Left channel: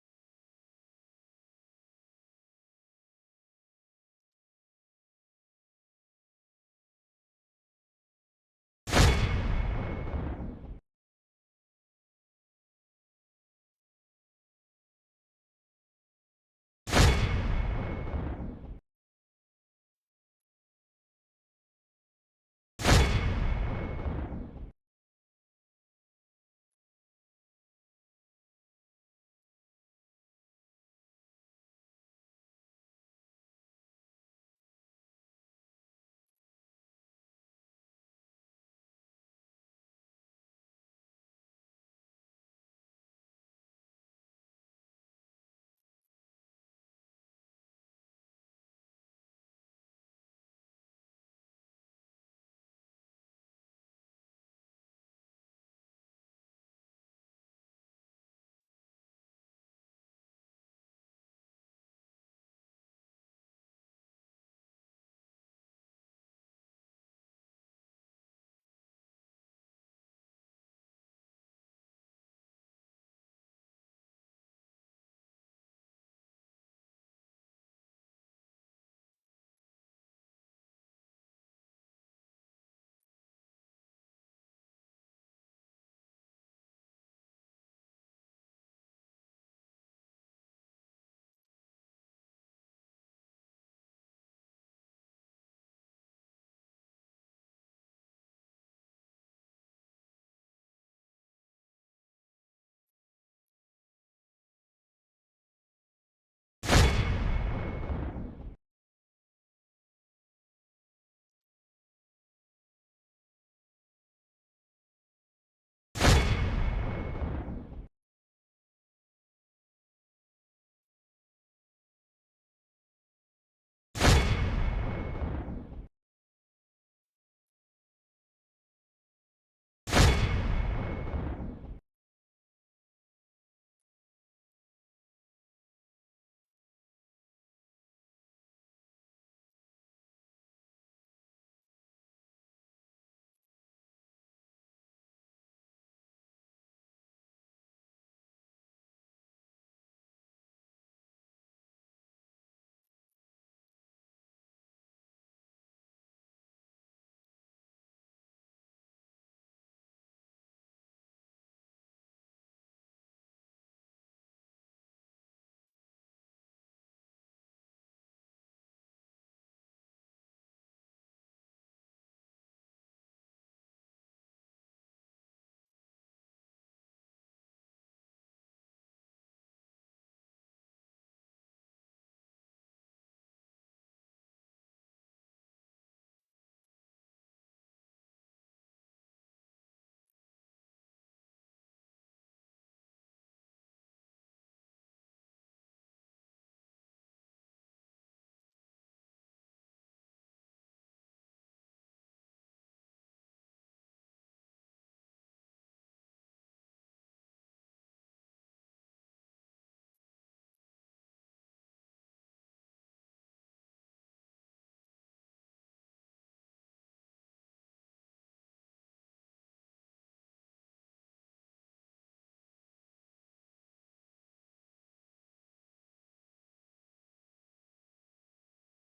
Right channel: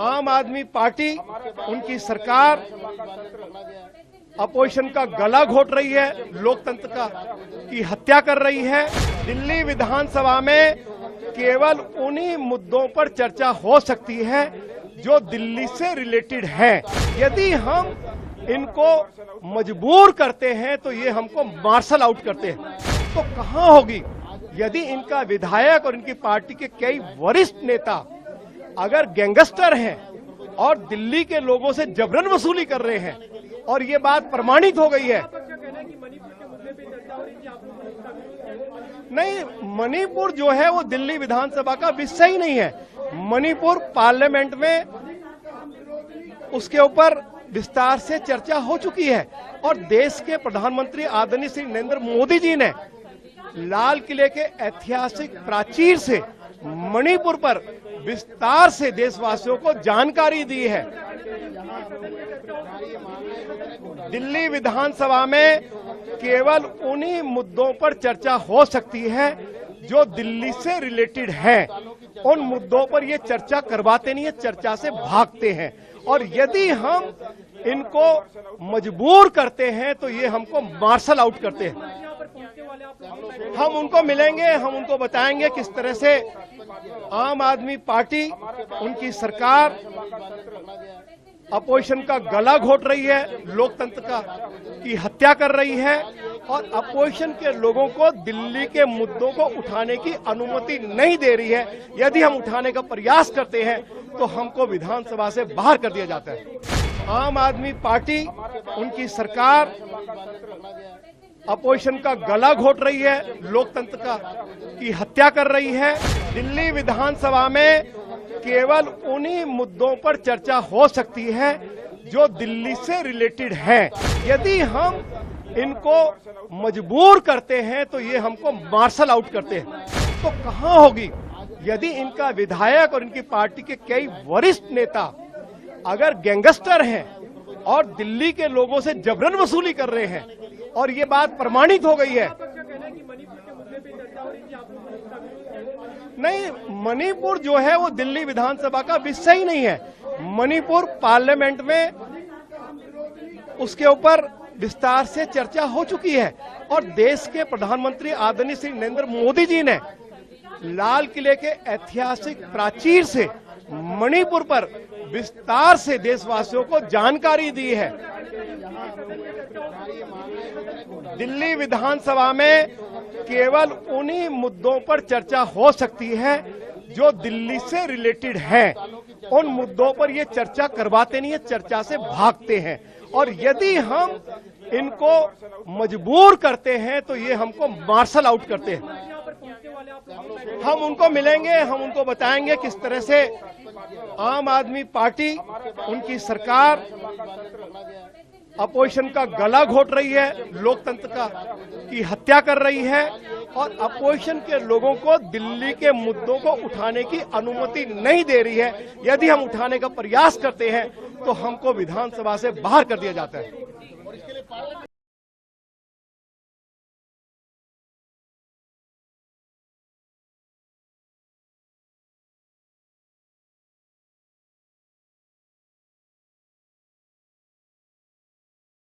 आम आदमी पार्टी, उनकी सरकार अपोजिशन का गला घोट रही है, लोकतंत्र की हत्या कर रही है। दिल्ली विधानसभा में केवल उन्हीं मुद्दों पर चर्चा हो सकती है जो दिल्ली से रिलेटेड है। यदि हम इनको मजबूर करते हैं तो ये हमको मार्शल आउट करते हैं। तो कहां होगी यदि इनका विधायक और इनकी पार्टी के कई वरिष्ठ नेता अगर गैंगस्टर हैं और दिल्ली के लोगों से जबरन वसूली कर रहे हैं और ये बात प्रमाणित हो गई है। नहीं, मणिपुर जो है वो दिल्ली विधानसभा का विषय ही नहीं है। मणिपुर पार्लियामेंट में उसके ऊपर विस्तार से चर्चा हो चुकी है और देश के प्रधानमंत्री आदरणीय श्री नरेंद्र मोदी जी ने लाल किले के ऐतिहासिक प्राचीर से मणिपुर पर विस्तार से देशवासियों को जानकारी दी है। दिल्ली विधानसभा में केवल उन्हीं मुद्दों पर चर्चा हो सकती है जो दिल्ली से रिलेटेड है। उन मुद्दों पर ये चर्चा करवाते नहीं है, चर्चा से भागते हैं। और यदि हम इनको मजबूर करते हैं तो ये हमको मार्शल आउट करते हैं। हम उनको मिलेंगे, हम उनको बताएंगे किस तरह से आम आदमी पार्टी, उनकी सरकार अपोजिशन का गला घोट रही है, लोकतंत्र की हत्या कर रही है और अपोजिशन के लोगों को दिल्ली के मुद्दों को उठाने की अनुमति नहीं दे रही है। यदि हम उठाने का प्रयास करते हैं तो हमको विधानसभा से बाहर कर दिया जाता है। आम आदमी पार्टी, उनकी सरकार अपोजिशन का गला घोट रही है, लोकतंत्र की हत्या कर रही है। दिल्ली विधानसभा में केवल उन्हीं मुद्दों पर चर्चा हो सकती है जो दिल्ली से रिलेटेड है। यदि हम इनको मजबूर करते हैं तो ये हमको मार्शल आउट करते हैं। तो कहां होगी यदि इनका विधायक और इनकी पार्टी के कई वरिष्ठ नेता अगर गैंगस्टर हैं और दिल्ली के लोगों से जबरन वसूली कर रहे हैं और ये बात प्रमाणित हो गई है। नहीं, मणिपुर जो है वो दिल्ली विधानसभा का विषय ही नहीं है। मणिपुर पार्लियामेंट में उसके ऊपर विस्तार से चर्चा हो चुकी है और देश के प्रधानमंत्री आदरणीय श्री नरेंद्र मोदी जी ने लाल किले के ऐतिहासिक प्राचीर से मणिपुर पर विस्तार से देशवासियों को जानकारी दी है। दिल्ली विधानसभा में केवल उन्हीं मुद्दों पर चर्चा हो सकती है जो दिल्ली से रिलेटेड है। उन मुद्दों पर ये चर्चा करवाते नहीं है, चर्चा से भागते हैं। और यदि हम इनको मजबूर करते हैं तो ये हमको मार्शल आउट करते हैं। हम उनको मिलेंगे, हम उनको बताएंगे किस तरह से आम आदमी पार्टी, उनकी सरकार अपोजिशन का गला घोट रही है, लोकतंत्र की हत्या कर रही है और अपोजिशन के लोगों को दिल्ली के मुद्दों को उठाने की अनुमति नहीं दे रही है। यदि हम उठाने का प्रयास करते हैं तो हमको विधानसभा से बाहर कर दिया जाता है।